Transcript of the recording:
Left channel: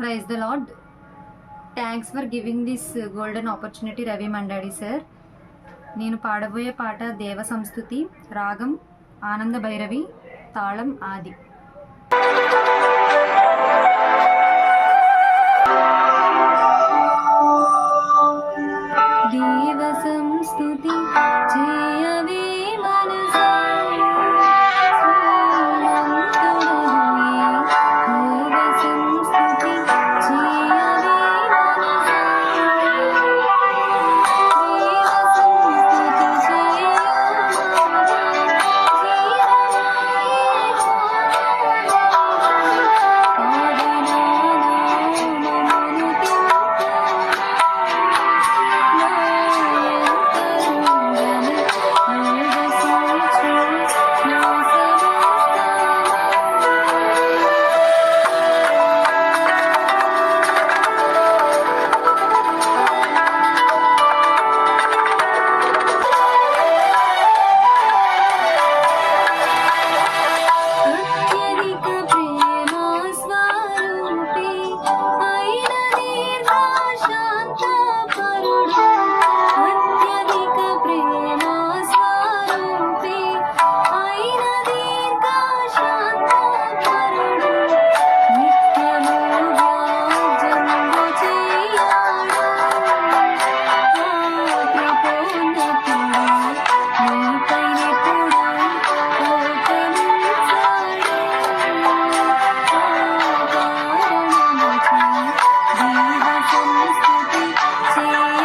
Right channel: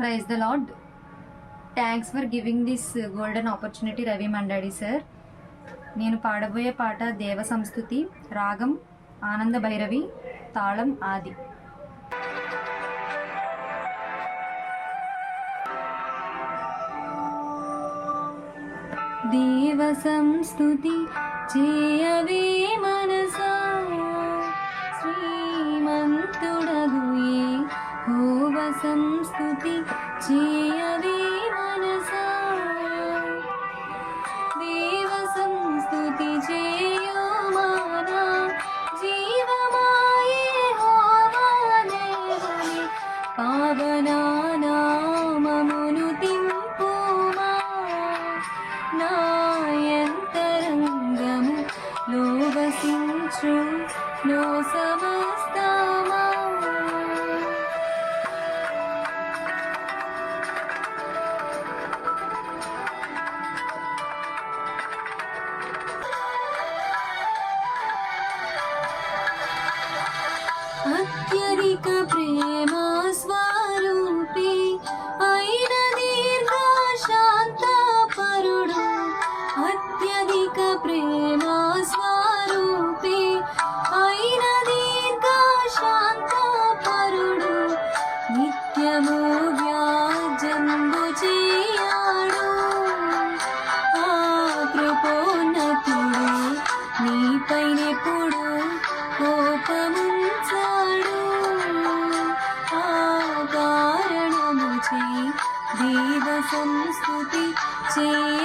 Praise the lord. Thanks for giving this golden opportunity Ravi Mandadi sir. నేను పాడబోయే పాట దేవ సంస్తుతి, రాగం ఆనంద భైరవి, తాళం ఆది. దేవ సంస్తుతి చేయవే మనసా, శ్రీమంతుడగు యెహోవ సంస్తుతి చేయవే మనసా. దేవ సంస్తుతి చేయుమా, జీవమాయే యెహోవా దేవని, పావనా నామమును తింపుమా. నాయంతరంగము లోవసించు నా సమస్తము. అత్యధిక ప్రేమ స్వరూపి అయిన దీర్ఘ శాంత పరుడు, అత్యధిక ప్రేమ స్వరూపి అయిన దీర్ఘ శాంత పరుడు, నిత్యము వ్యాజ్యంబు చేయాడు. ఆ కృపోన్నతుడు నీపైనెప్పుడు కోపముంచాడు. ఆ కారణముచే దేవ సంస్తుతి చేయ